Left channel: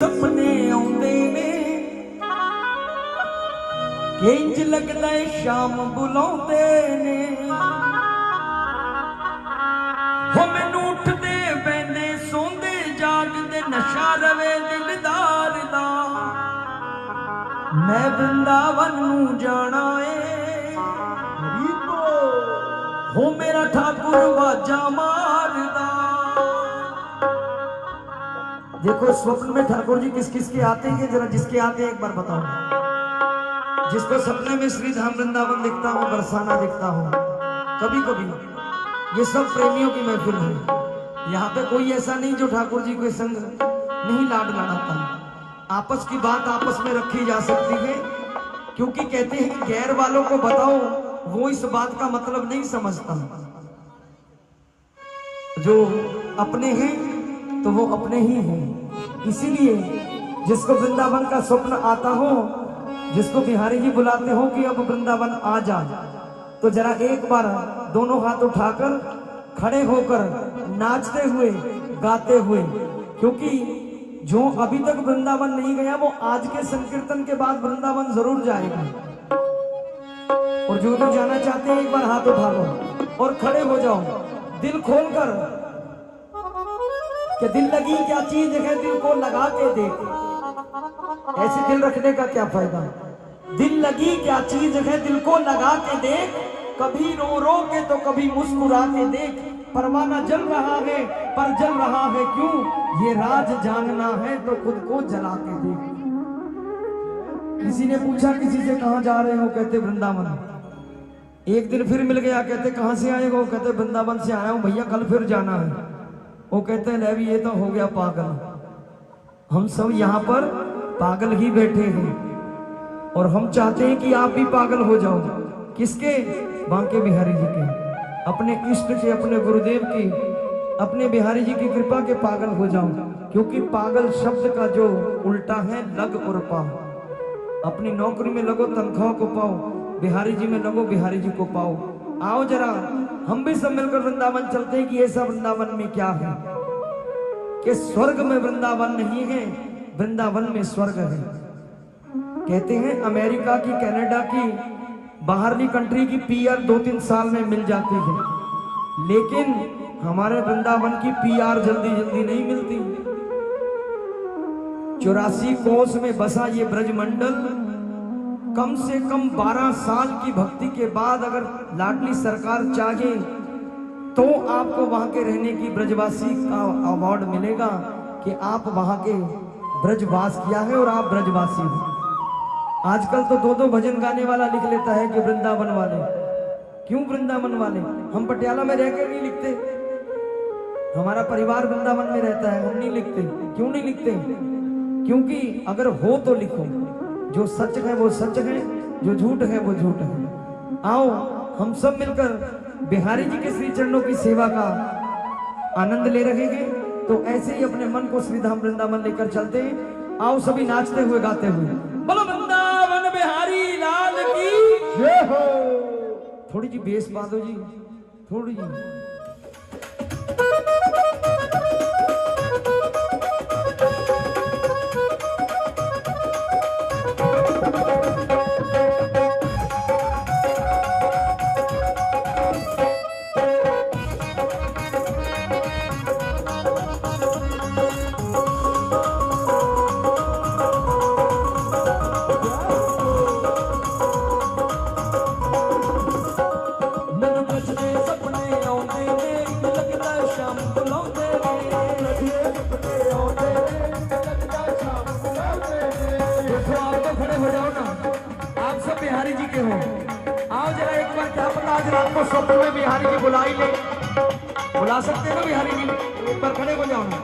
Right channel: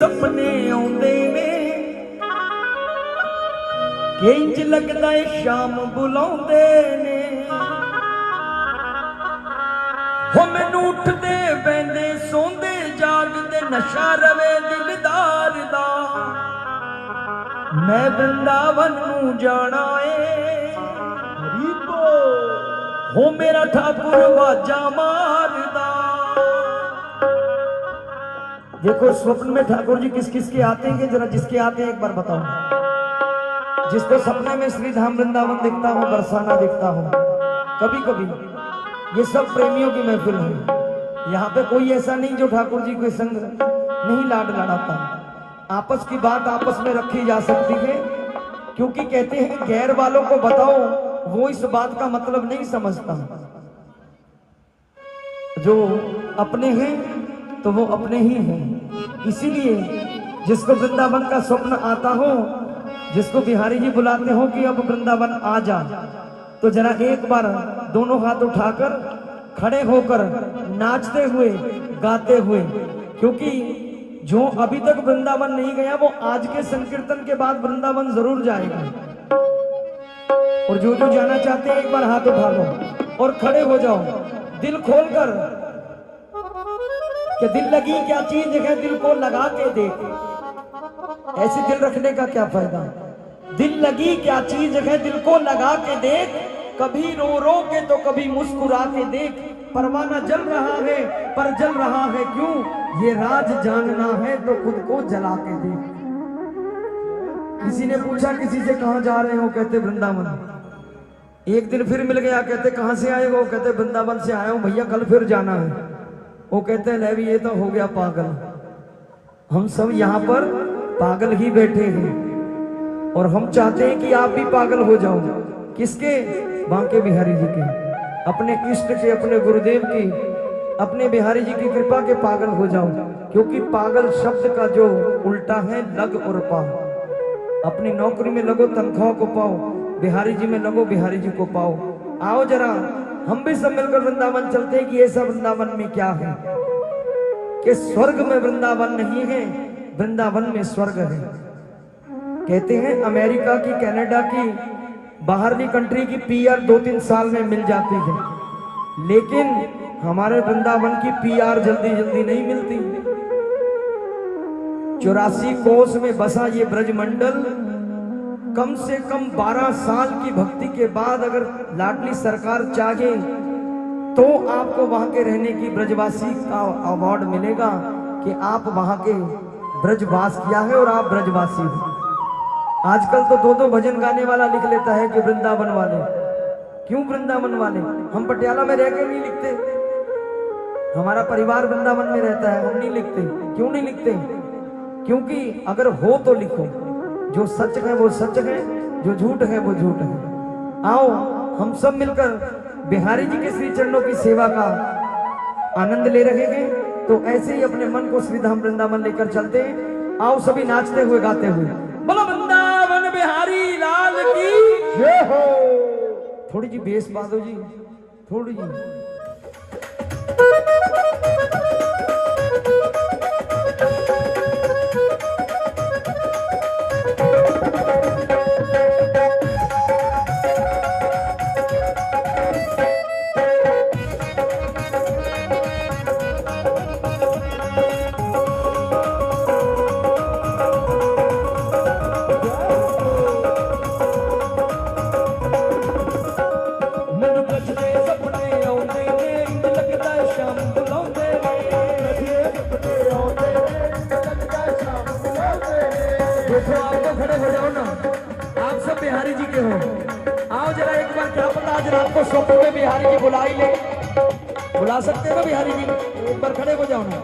सपने आउंदे ने कि इंज लगदा है शाम बुलाउंदे ने हो मैनू उठदे बैंदे सोंदे जागदे नशा रवे दिलदार दा मैं वृंदावन नू जाना है हो मेरा ठाकुर वाजा मारदा। देखो स्वप्न में ठाकुर जी किस किस के आते हैं, जरा जिसके आते हैं एक बार बताओ। जिसको सपने में श्री धाम वृंदावन दिखता हूँ, बरसाना दिखता हूँ, कभी कभी ये सब प्रेमियों की महफिल है। यहाँ पे कोई ऐसा नहीं जो ठाकुर जी के संग नहीं लाड लड़ाता। आपस की बात आपस में रखी जा सकती है, क्योंकि कहते हैं गैर वालों को बताओ वो इस बात का मतलब नहीं समझता। जो अपने हैं तो वो अपने ही हैं। इसीलिए जिसको वृंदावन का स्वप्न आता हो, जिसको बिहारी जी बुलाते हो कि अब वृंदावन आ जा, तो जरा एक बार दोनों हाथ उठाकर खड़े होकर नाचते हुए गाते हुए, क्योंकि जो अभी तक वृंदावन नहीं गया वो आज के संकीर्तन के बाद वृंदावन जरूर जाएगा। और जो जो जाना चाहते हैं एक बार हाथ उठा लो और खड़े हो जाओ, दिल खोलकर कि दिल लगी क्या चीज है, दिल को लगा के देख। ऐसे दिल रखने का क्या फायदा। दिल लगी क्या चीज है, दिल को लगा के देख। कभी रो रो के तो कभी मुस्कुरा के देख। परवाना जल रहा है पर जल रहा है क्यों, ये राज जानना है तो खुद को जला के देख। किसी ने पूछा किसी से कहां जा रहे हो, कहते वृंदावन। एक दिन फिर मिल गया, कहते कहां से आए हो, कहते वृंदावन से आया हूं भैया, कल फिर जाना है। वो कहते हैं भी ये तो हो गया पागल। हम सब यहाँ पर पागल ही बैठे हैं और हम चाहते हैं कि आप भी पागल हो जाओ। किसके? बांके बिहारी जी के, अपने इष्ट के, अपने गुरुदेव की, अपने बिहारी जी की कृपा के पागल हो जाओ। क्योंकि पागल शब्द का जो उल्टा है लग और पाओ। अपनी नौकरी में लगो तनख्वाह को पाओ, बिहारी जी में लगो बिहारी जी को पाओ। आओ जरा हम भी सब मिलकर वृंदावन चलते हैं कि ये सब वृंदावन में क्या है, कि स्वर्ग में वृंदावन नहीं है, वृंदावन में स्वर्ग है। कहते हैं अमेरिका की, कनाडा की, बाहरली कंट्री की पीआर 2-3 साल में मिल जाती है, लेकिन हमारे वृंदावन की पीआर जल्दी जल्दी नहीं मिलती। 84 कोस में बसा ये ब्रजमंडल कम से कम 12 साल की भक्ति के बाद अगर लाडली सरकार चाहे तो आपको वहां के रहने की ब्रजवासी का अवार्ड मिलेगा कि आप वहां के ब्रजवास किया है और आप ब्रजवासी हो। आजकल तो 2-2 भजन गाने वाला लिख लेता है कि वृंदावन वाले। क्यों वृंदावन वाले? हम पटियाला में रहकर नहीं लिखते, हमारा परिवार वृंदावन में रहता है, हम नहीं लिखते। क्यों नहीं लिखते? क्योंकि अगर हो तो लिखो, जो सच है वो सच है, जो झूठ है वो झूठ है। आओ हम सब मिलकर बिहारी जी के श्री चरणों की सेवा का आनंद ले रहे हैं, तो ऐसे ही अपने मन को श्री धाम वृंदावन लेकर चलते हैं। आओ सभी नाचते हुए गाते हुए, बोलो वृंदावन बिहारी लाल की जय हो। थोड़ी जी बेस बादो जी, थोड़ी जी। आप सब बिहारी जी के हो, आओ जरा एक बार, क्या पता आज रात को स्वप्न में बिहारी जी बुला ही ले। बुला सकते हैं ना बिहारी जी? एक बार खड़े हो जाओ ना।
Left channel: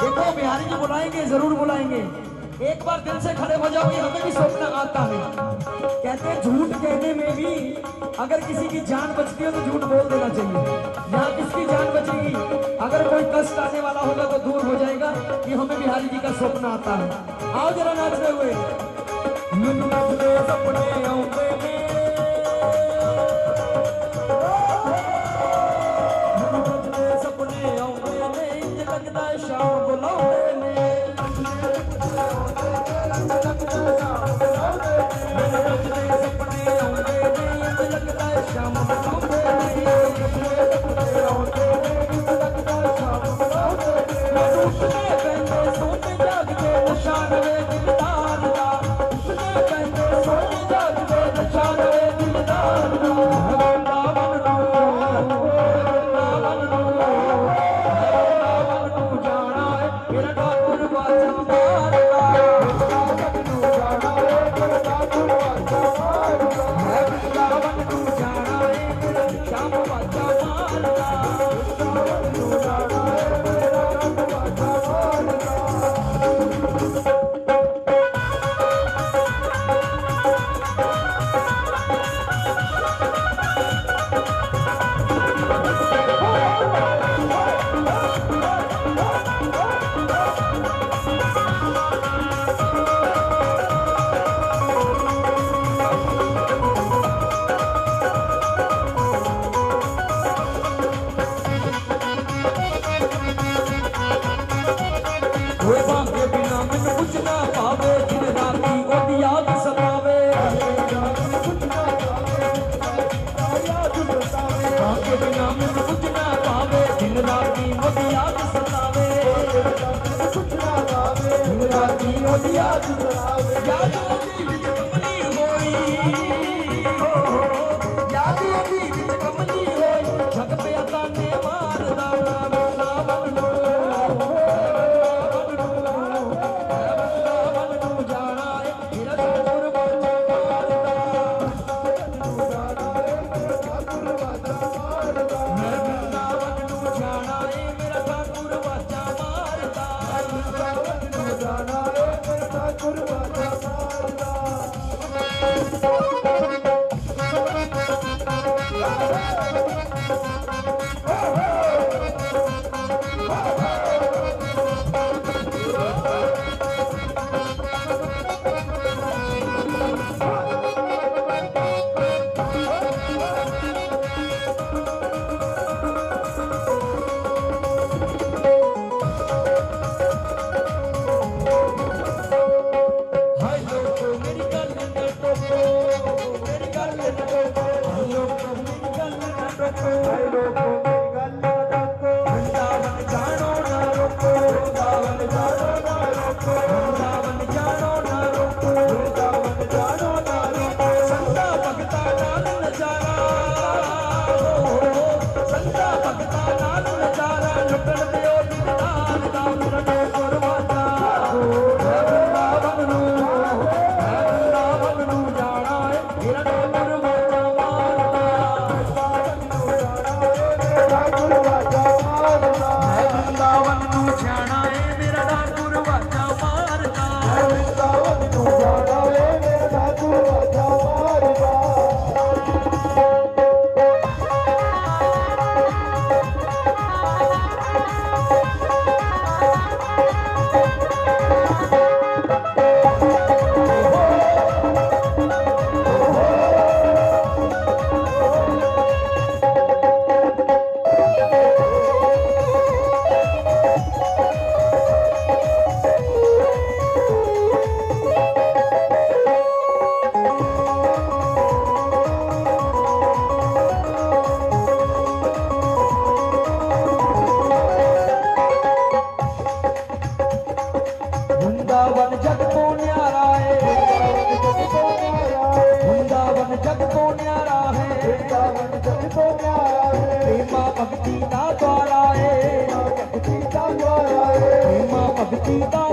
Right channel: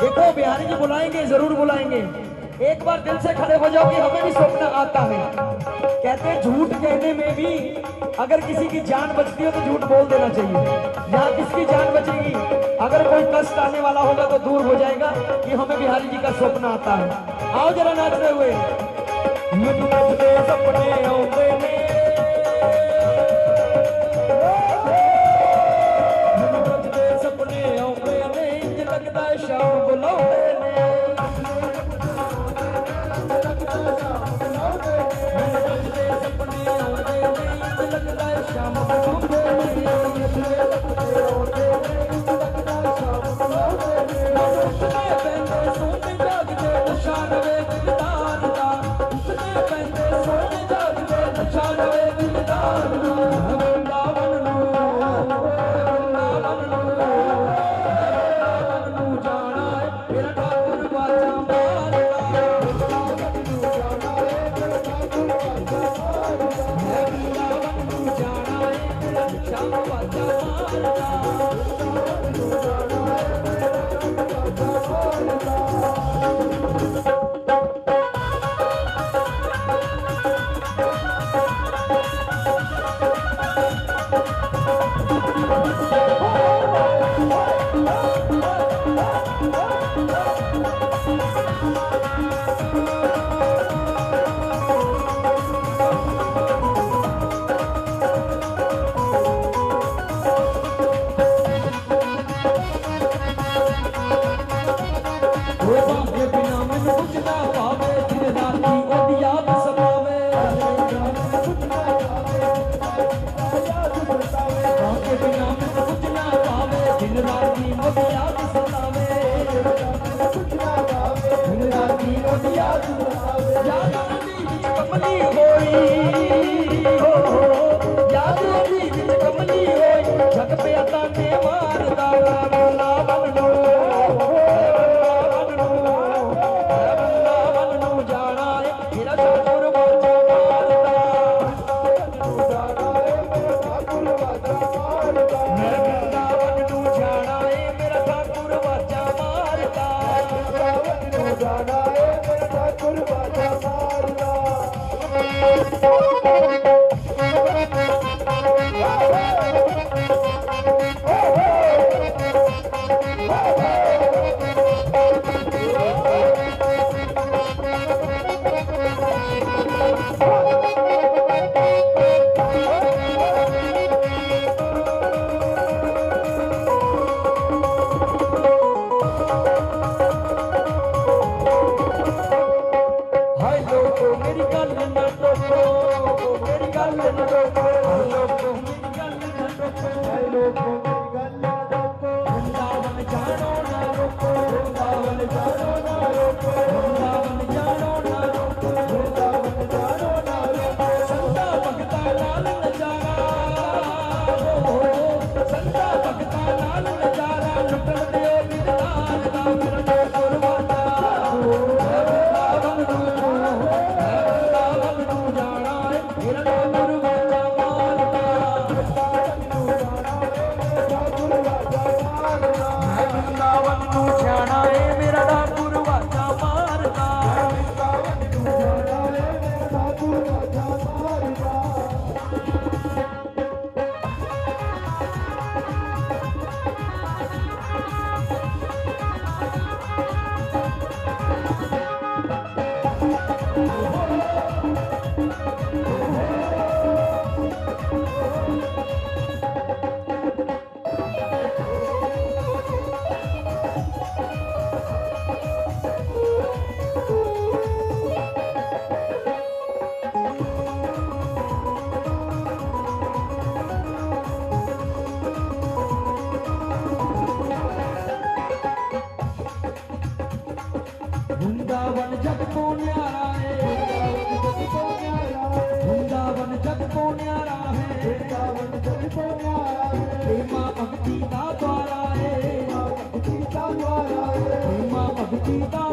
देखो बिहारी जी बुलाएंगे, जरूर बुलाएंगे। एक बार दिल से खड़े हो जाओ कि हमें भी स्वप्न आता है। कहते हैं झूठ कहने में भी अगर किसी की जान बचती हो तो झूठ बोल देना चाहिए। यहाँ किसकी जान बचेगी? अगर कोई कष्ट आने वाला होगा तो दूर हो जाएगा कि हमें बिहारी जी का स्वप्न आता है। आओ जरा नाचते हुए, सपने सपने लगता है शाम बुलाओ। भक्ति का